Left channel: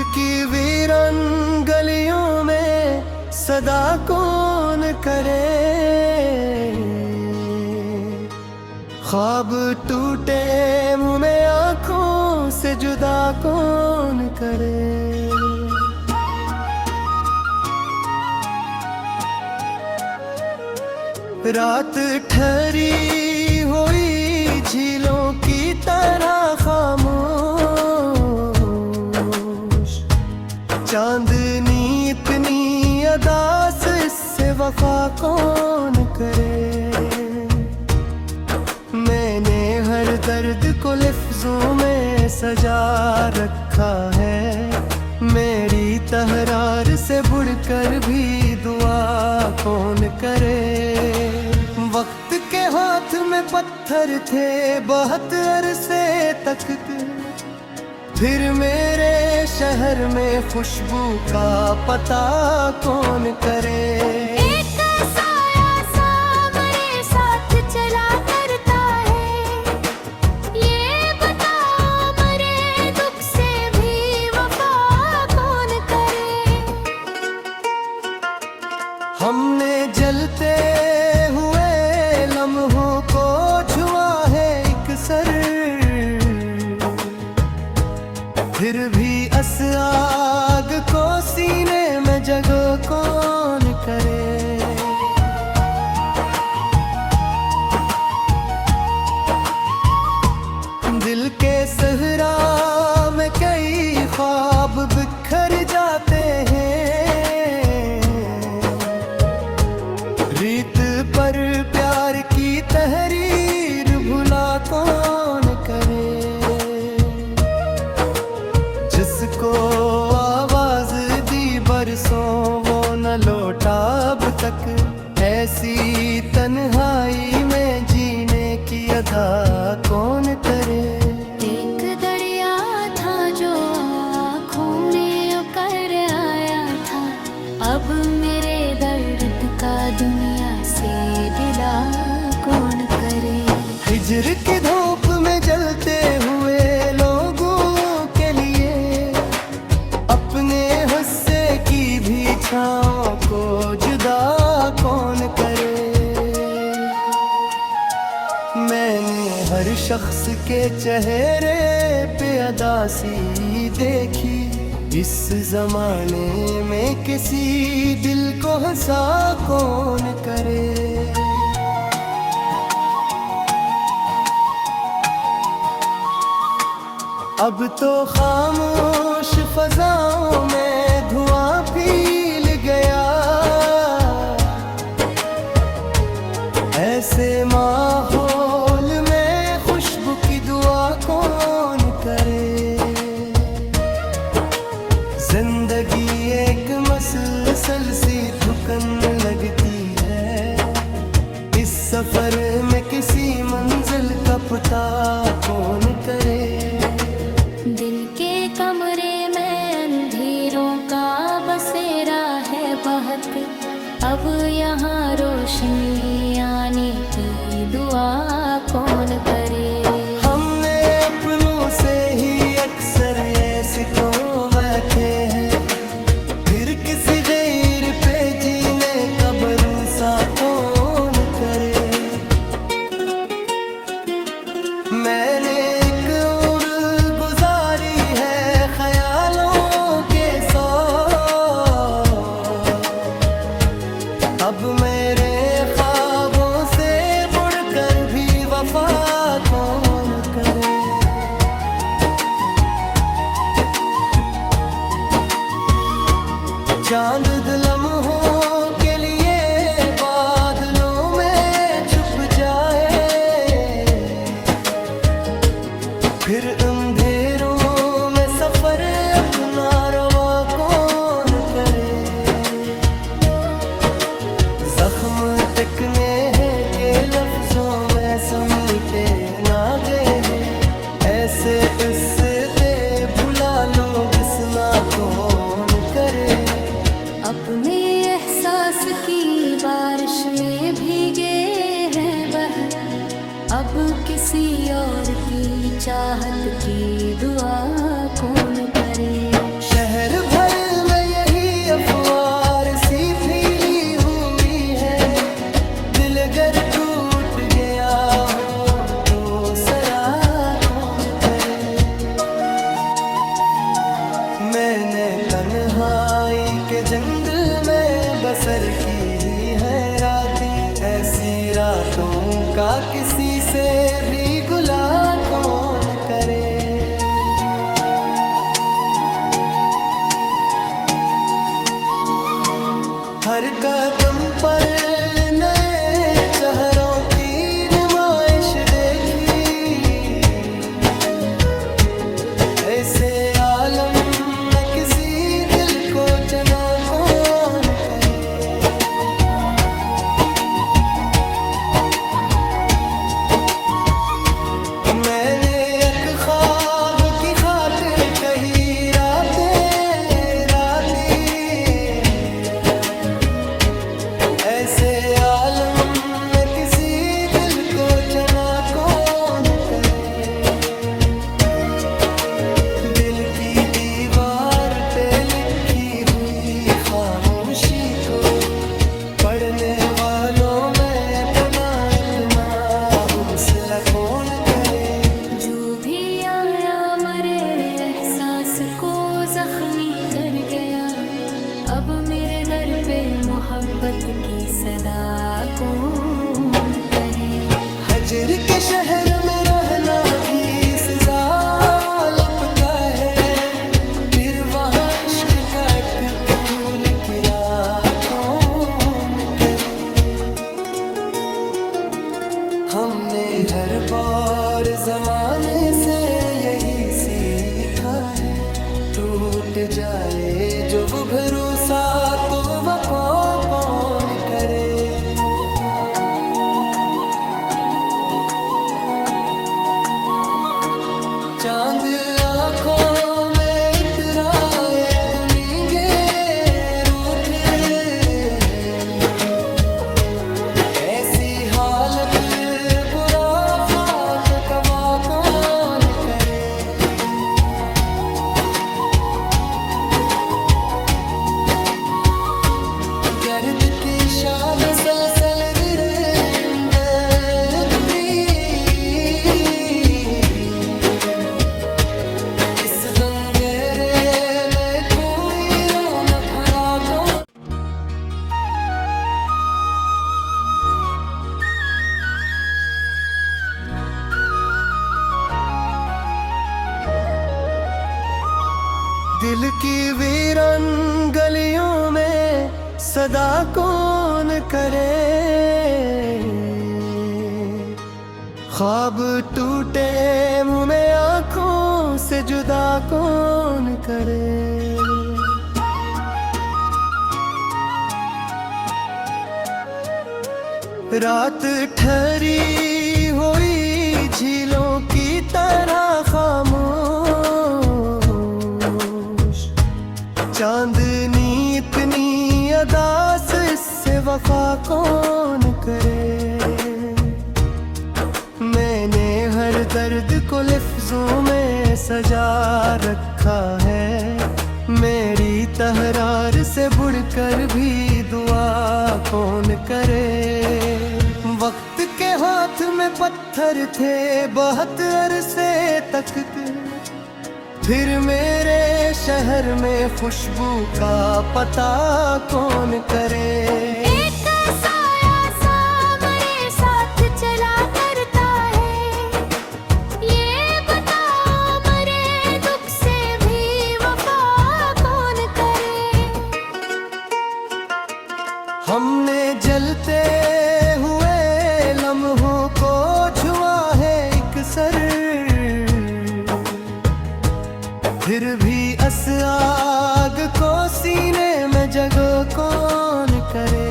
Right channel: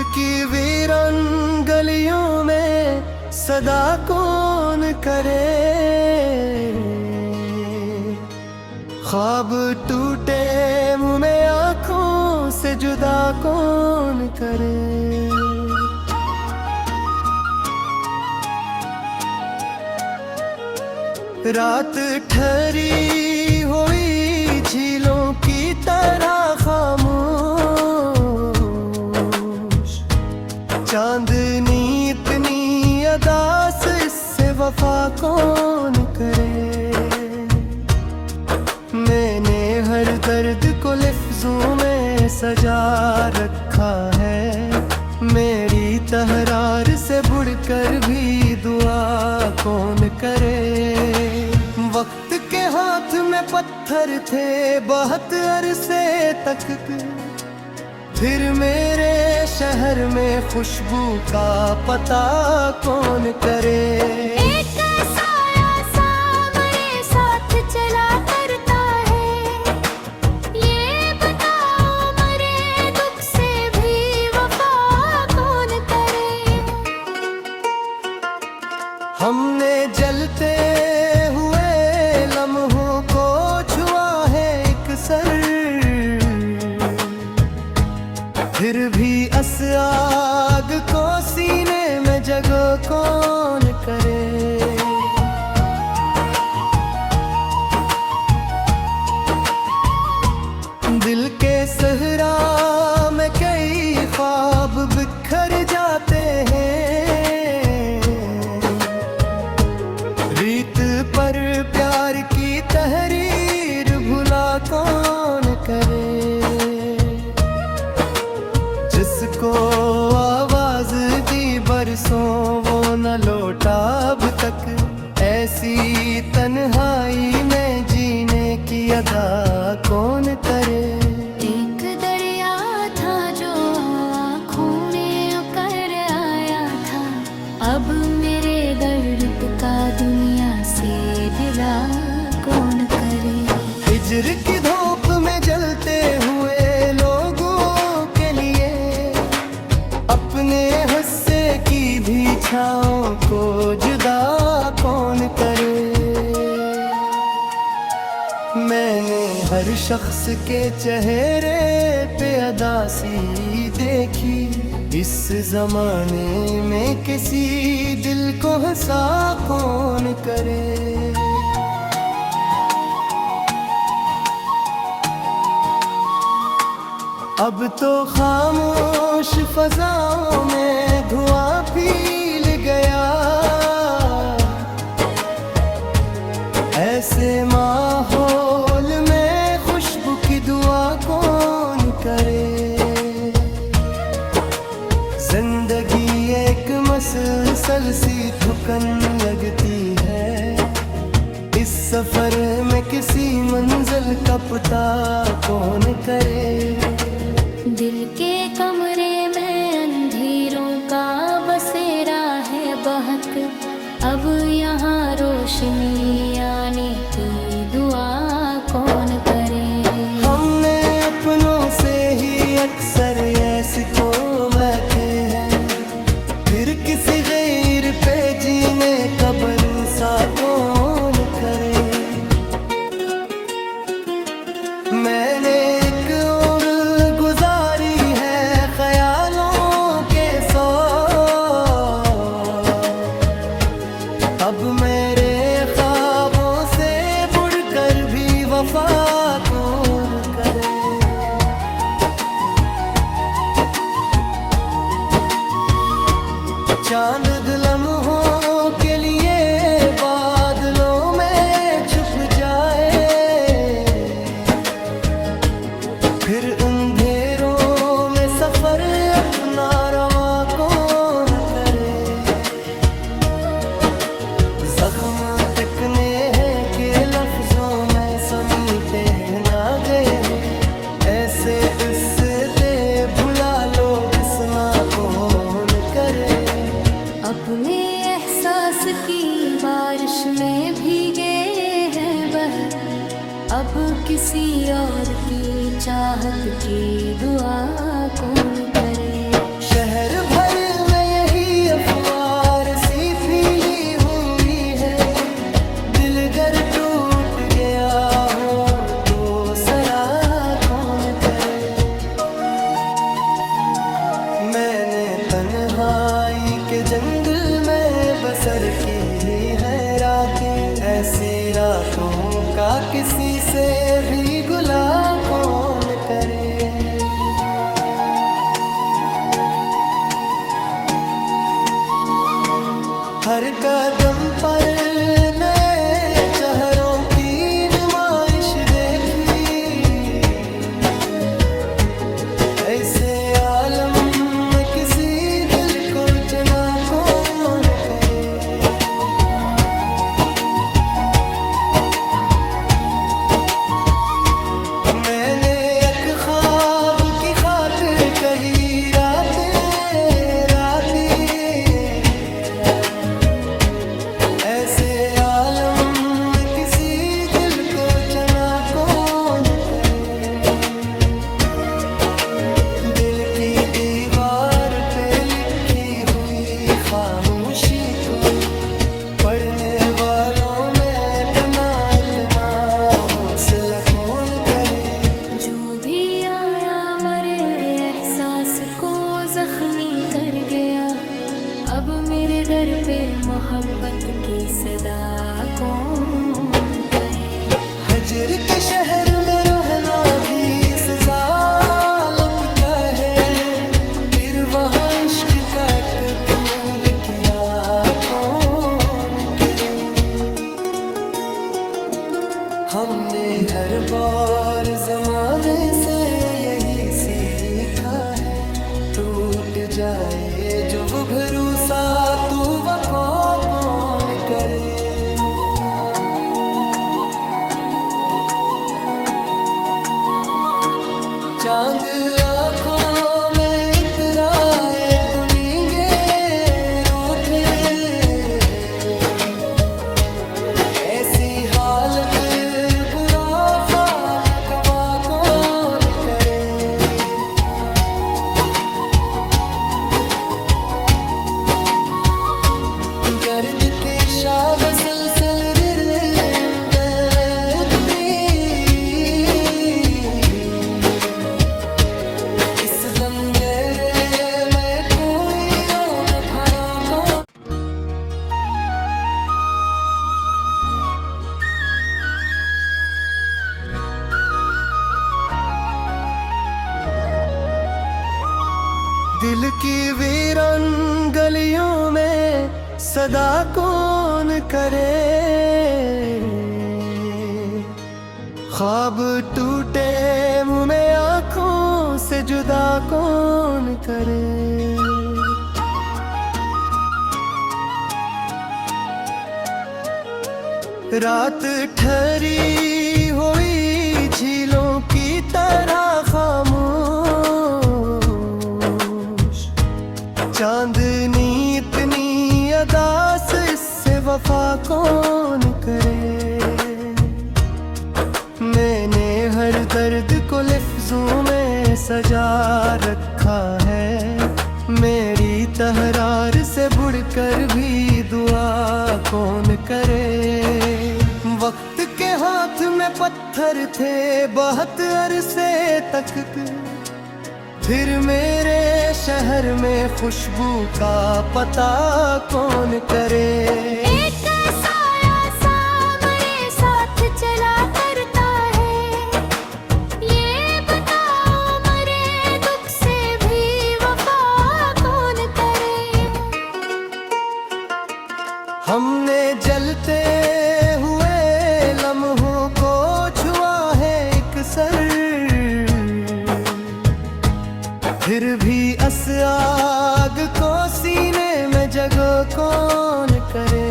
दिल की वीरान गलियों में सदा कौन करे, ख्वाब टूटे मुँह में आँखों से जुदा कौन करे। रात ठहरी हुई झीलों की तरह खामोश, चांदनी इतनी अदास, इससे वफा कौन करे। मैंने हर दर्द को लफ्जों में सजा रखा है, मेरी तहरार से बढ़कर भी दुआ कौन करे। वक्त के हाथ में पत्थर थे बहुत अरसे तक, फिर मेरे शहर में खुशबू का पता कौन करे। एक साया सा मेरे साथ चला करता है, ये बताओ मेरे दुख से भी वफा कौन करे। हमने जलते हुए लम्हों को छुआ है एक सर, फिर भी इस आग को सीने में जगह कौन करे। दिल के सहरा में कई ख्वाब बिखर जाते हैं, रीत पर प्यार की तहरीर भुला कौन करे। जिसको आवाज दी बरसों वो न लौटा अब तक, ऐसी तन्हाई में जीने की अदा कौन करे। एक दरिया था जो आँखों में उकर आया था, अब मेरे दर्द का दुनिया से गिला कौन करे। हिजर की धूप में जलते हुए लोगों के लिए अपने हिस्से की भी छाँव को जुदा कौन करे। मैंने हर शख्स के चेहरे पे अदासी देखी, इस जमाने में किसी दिल को हंसा कौन करे। अब तो खामोश फजाओं में धुआं फैल गया, ऐसे माहौल में खुशबू की दुआ कौन करे। जिंदगी एक मसलसल सी थकन लगती है, इस सफर में किसी मंजिल का पता कौन करे। दिल के कमरे में अंधेरों का बसेरा है बहुत, अब यहाँ रोशनी आने की दुआ कौन करे। हमने अपनों से ही अक्सर ऐसे तो बैठे हैं, फिर किसी गैर पे जीने का भरोसा कौन करे। मैंने एक उम्र गुजारी है ख्यालों के सौ, अब मेरे ख्वाबों से बढ़कर भी वफा कौन करे। चांद लम्हों के लिए बादलों में छुप जाए, फिर अंधेरों में सफर अपना रवा कौन करे। जख्म टिकने हैं के लफ्जों में समीटे ना गए हैं, ऐसे उससे भुला लोग सुना कौन करे। अपने एहसास की बारिश में भीगे हैं बह, अब किसी और की चाहत की दुआ कौन करे। शहर भर में यही अफवाह सी फैली हुई है, दिल अगर टूट गया हो तो सरा कौन करे। मैंने तन्हाई के जंगल में बसर की ही है रातें, ऐसी रातों का किसी से भी गुला कौन करे। हर कदम पर नए चेहरों की नुमाइश देखी, ऐसे आलम में किसी दिल को चना कौन करे। मैंने एक ख्वाब की खातिर कही रातें रातें, ऐसे आलम में किसी दिल को चना कौन करे। दिल की दीवार पे लिखी हुई खामोशी को पढ़ने वालों में पुनः इतना हौसला कौन करे। जो भी आया मरे एहसास को जख्मी कर गया, अब मेरे दर पे मोहब्बत की सदा कौन कहे। हजर के शहर में रहना भी सजा लुपता है, फिर वहाँ इश्क का एक फूल खिला कौन करे। हमने हर बार जमाने से यही सीखा है, टूट जाए जो वो भरोसा तो वफा कौन करे। चांद आँखों में इतराए तो नींगे रूठे, ऐसी हालत बुरा पाप कवा कौन करे। गर्द के शाब सलसल रिंगे इस गंगेरे में कोई रो न खड़ा तो। दिल की वीरान गलियों में सदा कौन करे। ख्वाब टूटे मुँह में आँखों से जुदा कौन करे। रात ठहरी हुई झीलों की तरह खामोश, चांदनी इतनी अदास इससे वफा कौन करे। मैंने हर दर्द को लफ्जों में सजा रखा है, मेरी तहरार से बढ़कर भी दुआ कौन करे। वक्त के हाथ में पत्थर थे बहुत अरसे तक, फिर मेरे शहर में खुशबू का पता कौन करे। एक साया सा मेरे साथ चला करता है, ये बताओ मरे दुख से भी वफा कौन करे। हमने जलते हुए लम्हों को छुआ है एक सर, फिर भी अस आग को सीने में जगह कौन करे।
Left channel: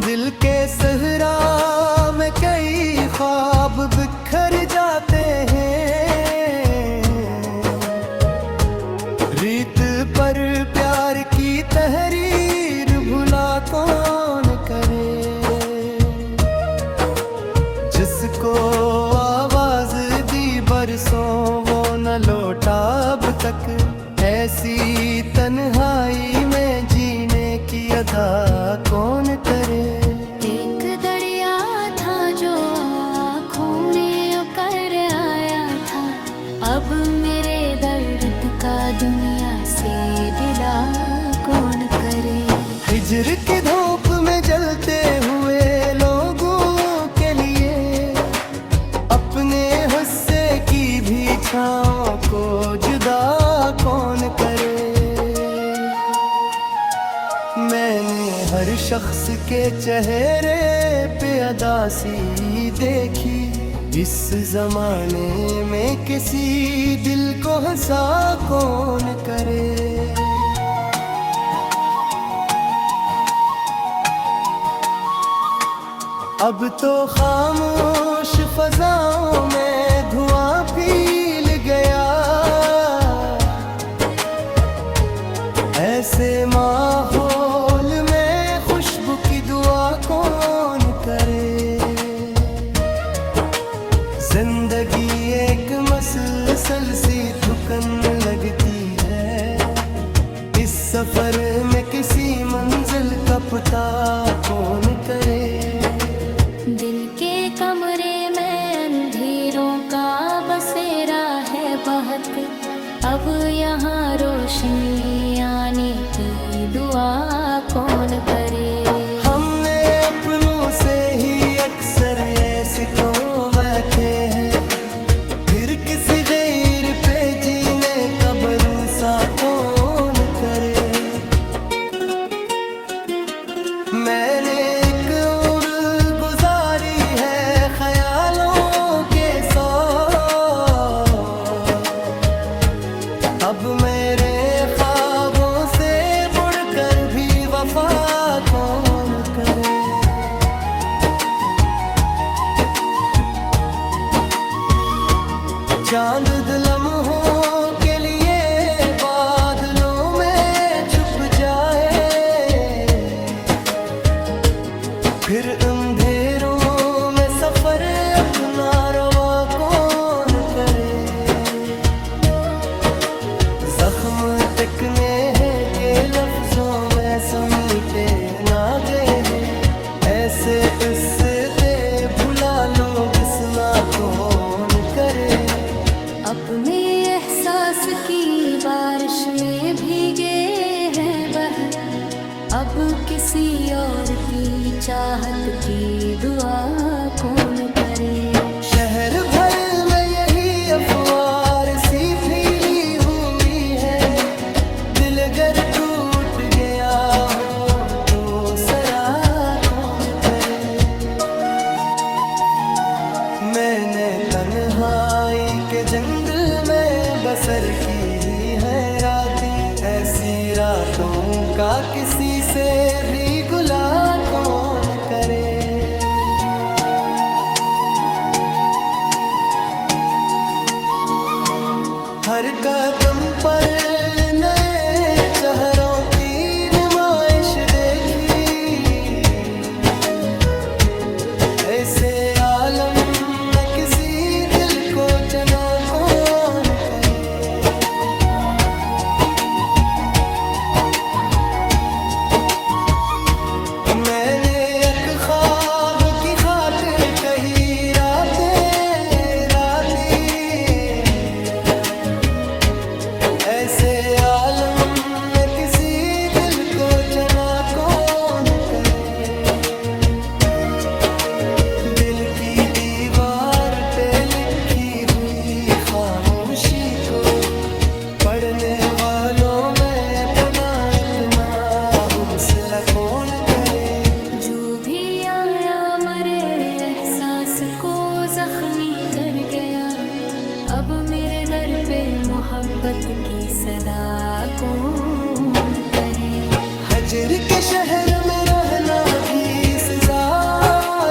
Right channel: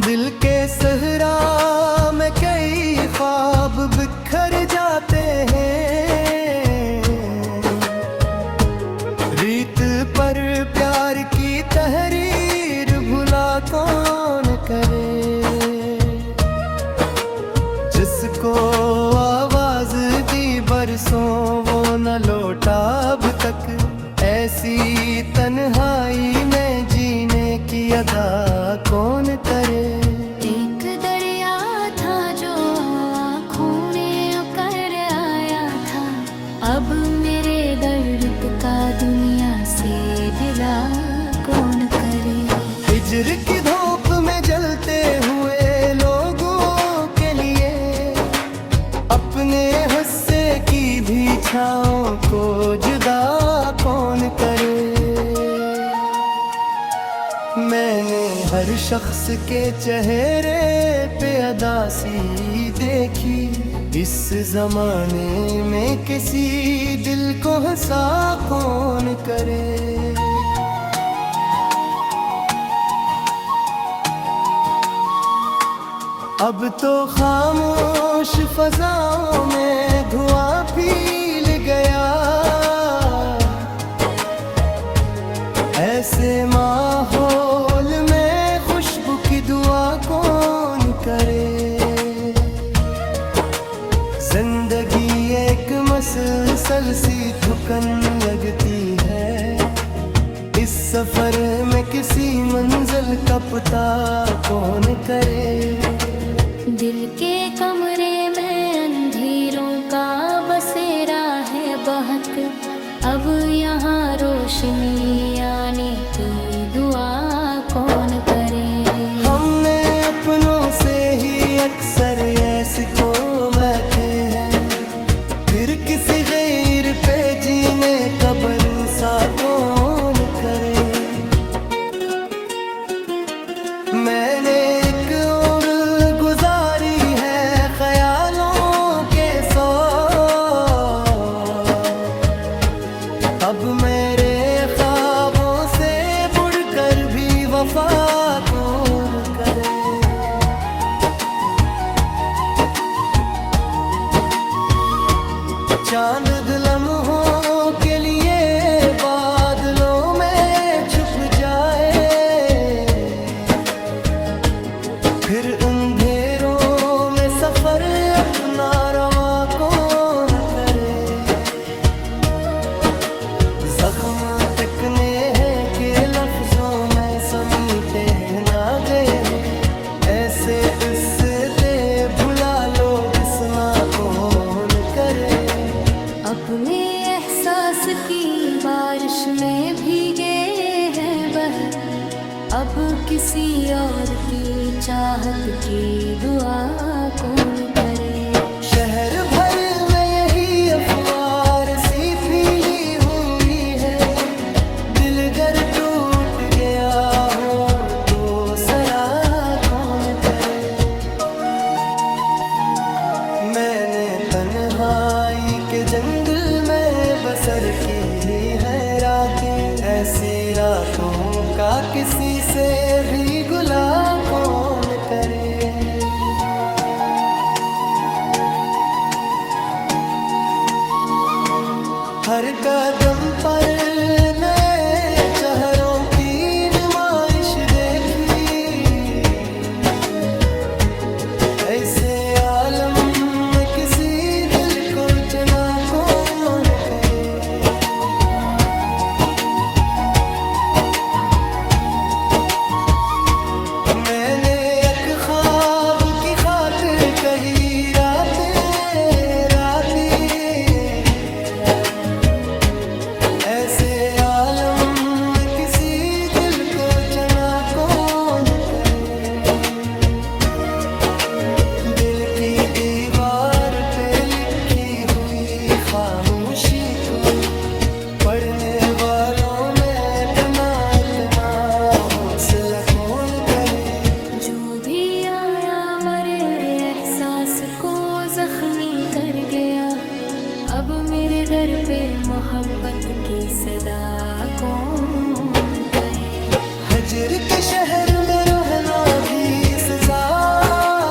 दिल के सहरा में कई ख्वाब बिखर जाते हैं, रीत पर प्यार की तहरीर सांसों वो न लौटा अब तक। ऐसी तन्हाई में जीने की अदा कौन करे। एक दरिया था जो आँखों में उकर आया था, अब मेरे दर्द का दुनिया से गिला कौन करे। हिज्र की धूप में जलते हुए लोगों के लिए अपने हुस्से की भी छाँव को जुदा कौन करे। मैंने हर शख्स के चेहरे पे अदासी देखी, इस जमाने में किसी दिल को हंसा कौन करे। अब तो खामोश फजाओं में धुआं फैल गया, ऐसे माहौल में खुशबू की दुआ कौन करे। जिंदगी एक मसलसल सी थुकन लगती है, इस सफर में किसी मंजिल का पता कौन करे। दिल के कमरे में अंधेरों का बसेरा है बहुत, अब यहाँ रोशनी आने की दुआ कौन करे। हमने अपनों से ही अक्सर ऐसे तो बैठे हैं, फिर किसी गैर पे जीने का भरोसा कौन करे। मैंने एक उम्र गुजारी है ख्यालों के सौ, अब मेरे ख्वाबों से बढ़कर भी वफा कौन करे। चांद लम्हों के लिए बादलों में छुप जाए, फिर अंधेरों में सफर अपना रवा कौन करे। जख्म टिकने हैं के लफ्जों में समीटे ना गए हैं, ऐसे उससे भुला लोग सुना कौन करे। अपने एहसास की बारिश में भीगे हैं बह, अब किसी और की चाहत की दुआ कौन करे। शहर भर में यही अफवार सी फैली हुई है, दिल गर टूट गया हो तो सरा कौन करे। मैंने तन्हाई के जंगल में बसर की ही है रातें, ऐसी रातों का किसी से भी गुला कौन करे। हर कदम पर नए चेहरों की नुमाइश देखी, ऐसे आलम में किसी दिल को चना कौन करे। मैंने एक ख्वाब की खातिर कही रातें रातें, ऐसे आलम में किसी दिल को चना कौन करे। दिल की दीवार पे लिखी हुई खामोशी को पढ़ने वालों में पुनः इतना हौसला कौन करे। जो भी आया मरे एहसास को जख्मी कर गया, अब मेरे दर पे मोहब्बत की सदा कौन कहे। हजर के शहर में रहना भी सजा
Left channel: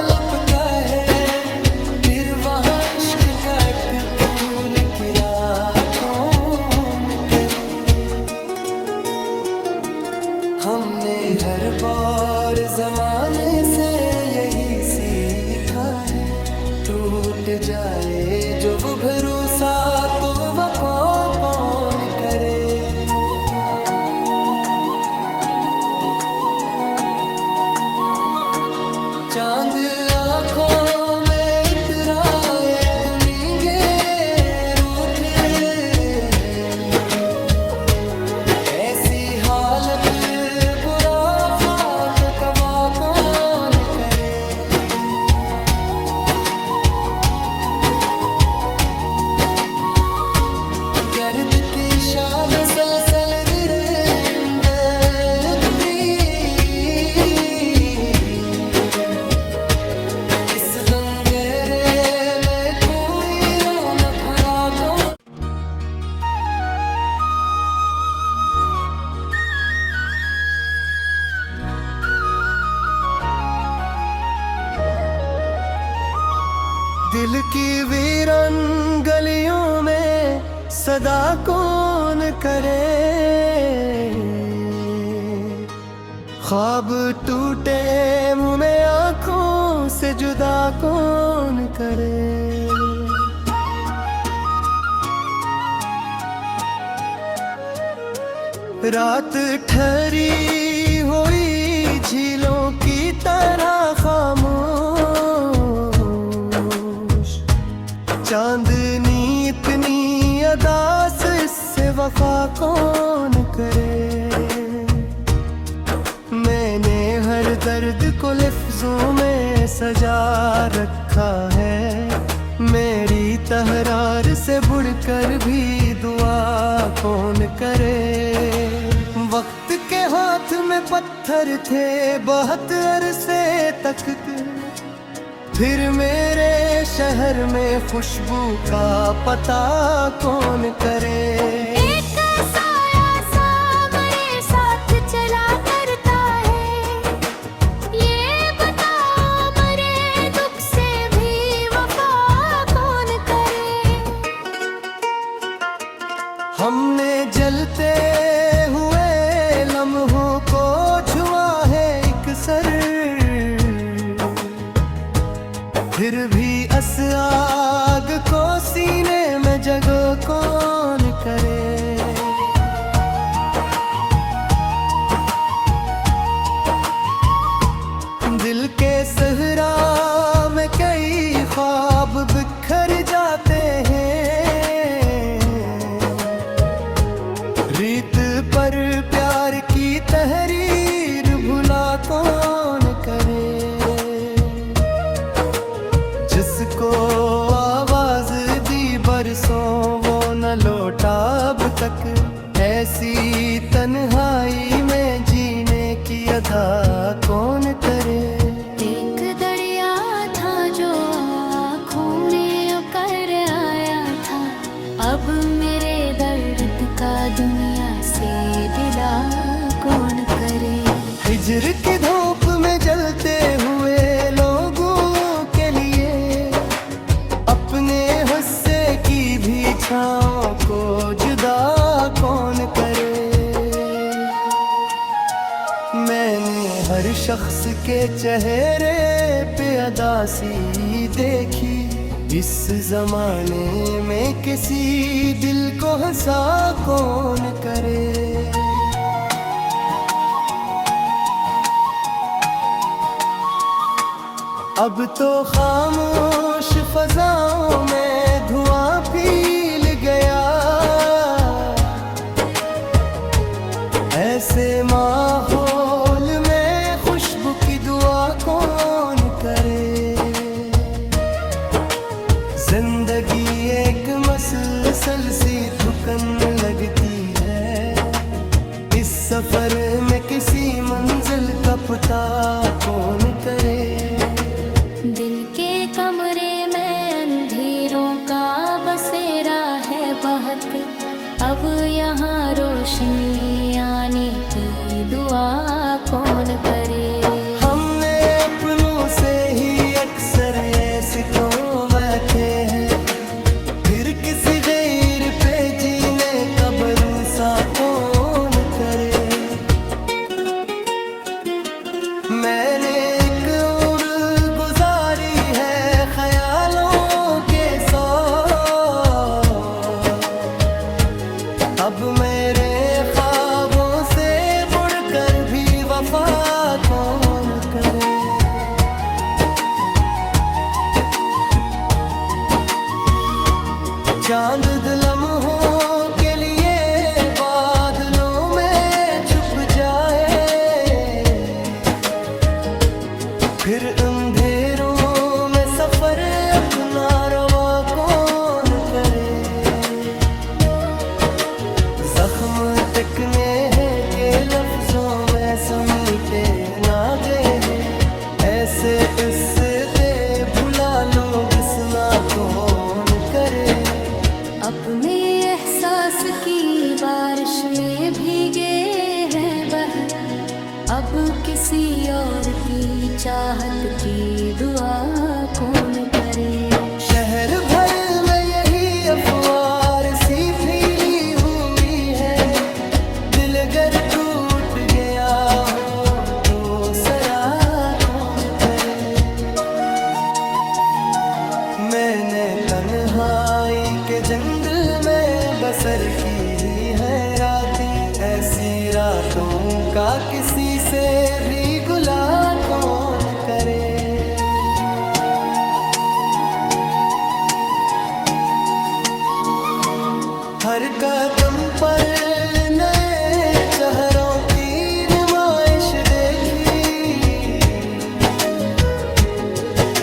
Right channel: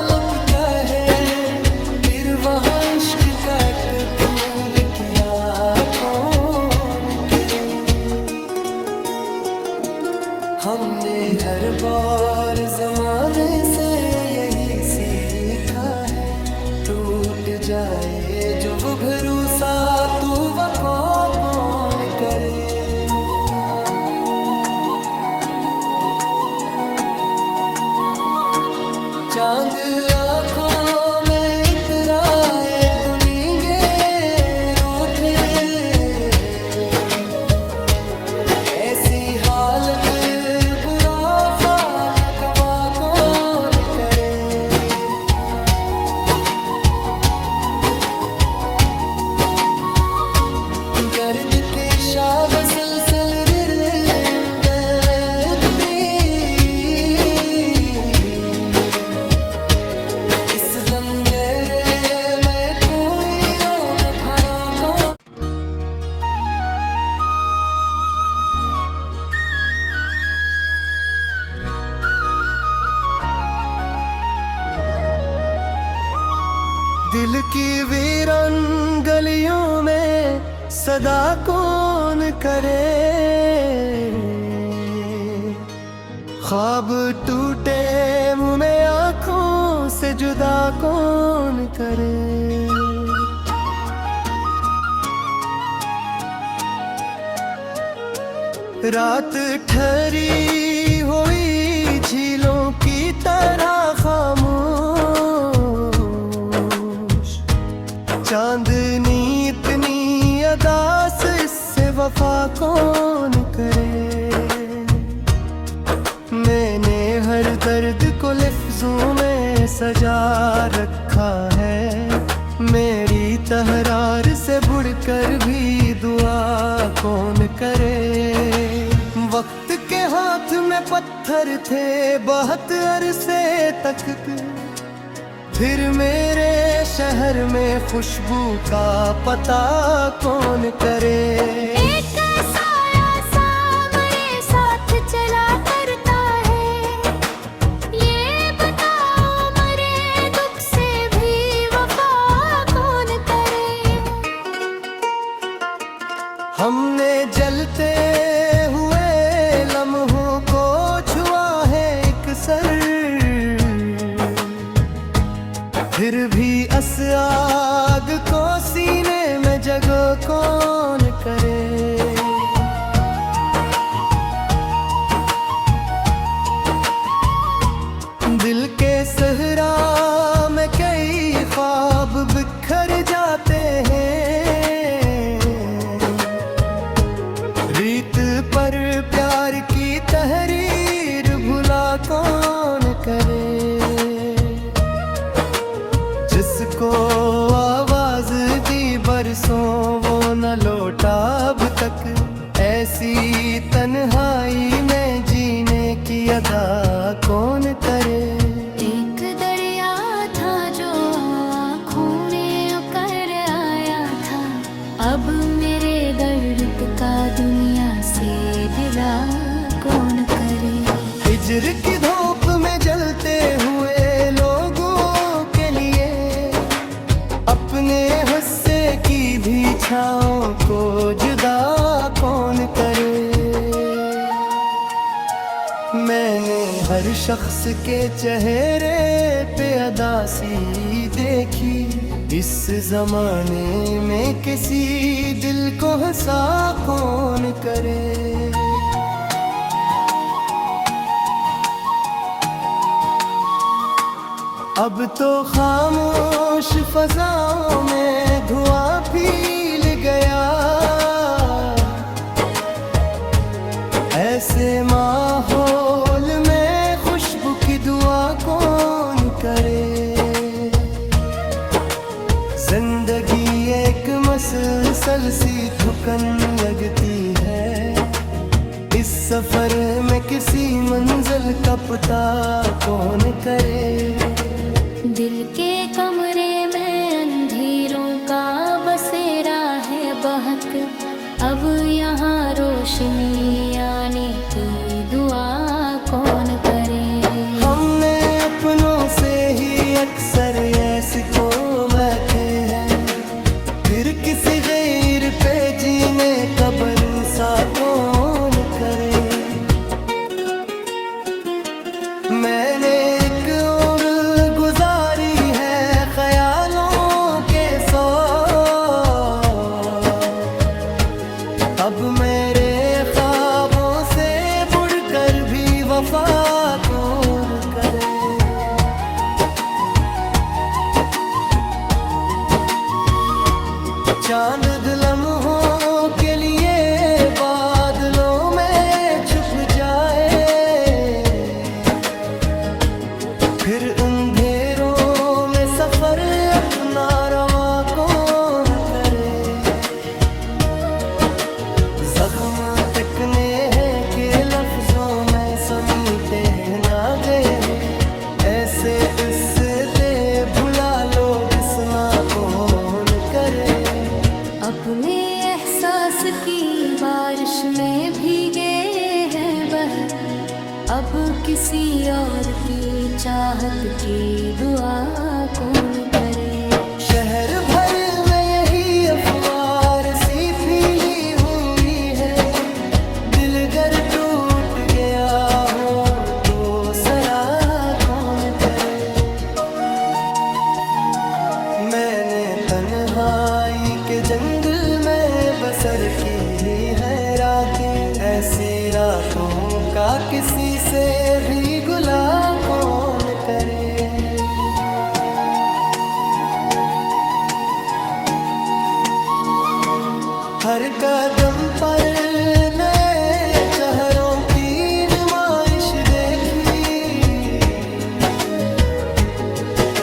लुपका है, फिर वहाँ इश्क का एक फूल खिला कौन करे। हमने हर बार जमाने से यही सीखा है, टूट जाए जो वो भरोसा तू वफा कौन करे। चांद आँखों में इतराए तो नींगे रूठे, ऐसी हालत बुरा फाक कवा कौन करे। गर्द के शाब सलसल रिंदे इस बंदेरे में कोई रो न खरा तो। दिल की वीरान गलियों में सदा कौन करे, ख्वाब टूटे मुंह में आंखों से जुदा कौन करे। रात ठहरी हुई झीलों की तरह खामोश, चांदनी इतनी अदास इससे वफा कौन करे। मैंने हर दर्द को लफ्जों में सजा रखा है, मेरी तहरार से बढ़कर भी दुआ कौन करे। वक्त के हाथ में पत्थर थे बहुत अरसे तक, फिर मेरे शहर में खुशबू का पता कौन करे। एक साया सा मेरे साथ चला करता है, ये बताओ मेरे दुख से भी वफा कौन करे। हमने जलते हुए लम्हों को छुआ है एक सर, फिर भी अस आग को सीने में जगह कौन करे। दिल के सहरा में कई ख्वाब बिखर जाते हैं, रीत पर प्यार की तहरीर भुला कौन करे। जिसको आवाज दी बरसों वो न लौटा अब तक, ऐसी तन्हाई में जीने की अदा कौन करे। एक दरिया था जो आँखों में उकर आया था, अब मेरे दर्द का दुनिया से दिला कौन करे। हिजर की धूप में जलते हुए लोगों के लिए अपने हुस्से की भी छाँव को जुदा कौन करे। मैंने हर शख्स के चेहरे पे अदासी देखी, इस जमाने में किसी दिल को हंसा कौन करे। अब तो खामोश फजाओं में धुआं फैल गया, ऐसे माहौल में खुशबू की दुआ कौन करे। जिंदगी एक मसलसल सी थुकन लगती है, इस सफर में किसी मंजिल का पता कौन करे। दिल के कमरे में अंधेरों का बसेरा है बहुत, अब यहाँ रोशनी आने की दुआ कौन करे। हमने अपनों से ही अक्सर ऐसे तो बैठे हैं, फिर किसी गैर पे जीने का भरोसा कौन करे। मैंने एक और गुजारी है ख्यालों अब मेरे ख्वाबों से बढ़कर भी वफा कौन करे। चांद लम्हों के लिए बादलों में छुप जाए, फिर अंधेरों में सफर अपना रवा कौन करे। जख्म टिकने हैं के लफ्जों में समीटे ना गए हैं, ऐसे उससे भुला लोग सुना कौन करे। अपने एहसास की बारिश में भीगे हैं बह, अब किसी और की चाहत की दुआ कौन करे। शहर भर में यही अफवार सी फैली हुई है, दिल अगर टूट गया हो तो सरा कौन करे। मैंने तन्हाई के जंगल में बसर की ही है रातें, ऐसी रातों का किसी से भी गुला कौन करे। हर कदम पर नए चेहरों की नुमाइश देखी,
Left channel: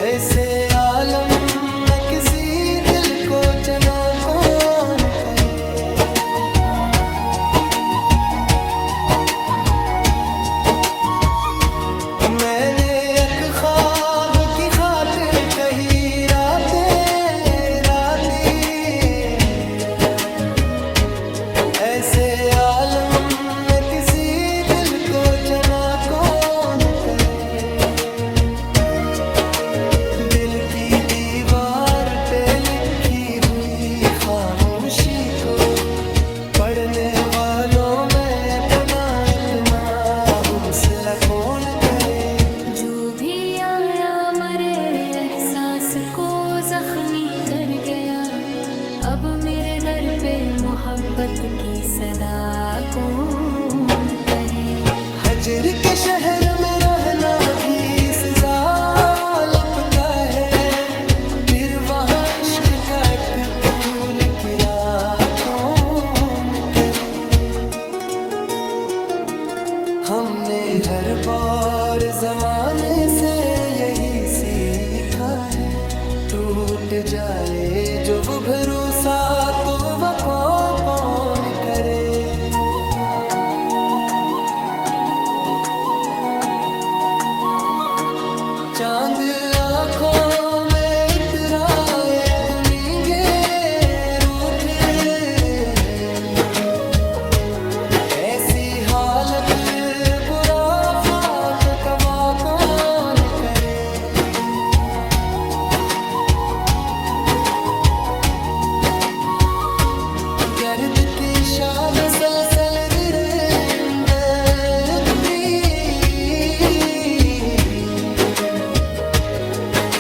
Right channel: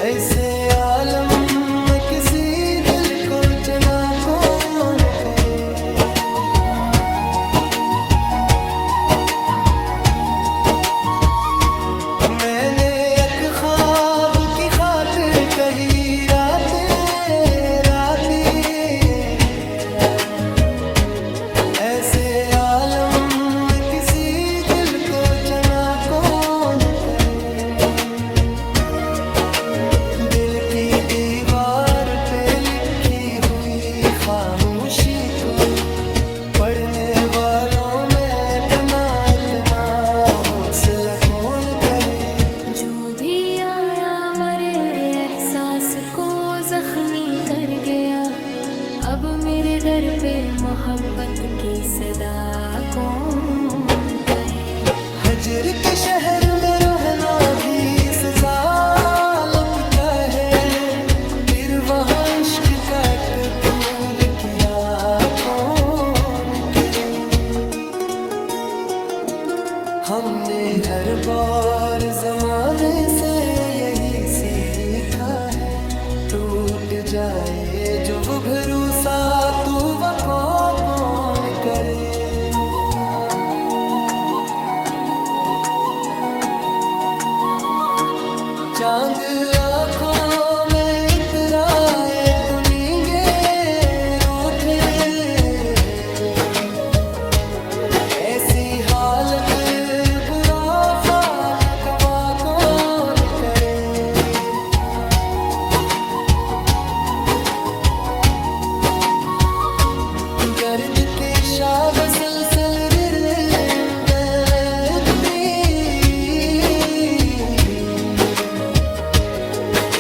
ऐसे आलम में किसी दिल को चना कौन करे। मैंने एक ख्वाब की खातिर कही रातें रातें, ऐसे आलम में किसी दिल को चना कौन करे। दिल की दीवार पे लिखी हुई खामोशी को पढ़ने वालों में पुनः इतना हौसला कौन करे। जो भी आया मरे एहसास को जख्मी कर गया, अब मेरे दर पे मोहब्बत की सदा कौन कहे। हजर के शहर में रहना भी सजा लब का है, फिर वहाँ इश्क का एक फूल खिला कौन करे। हमने हर बार जमाने से यही सीखा है, टूट जाए जो वो भरोसा तो वफा कौन करे। चांद आँखों में इतराए तो नींगे रूठे, ऐसी हालत बुरा पाक कवा कौन करे। गर्द के शावसल रिंदत्री,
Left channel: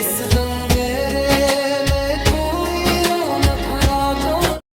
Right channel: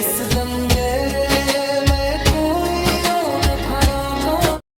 इस दंगेरे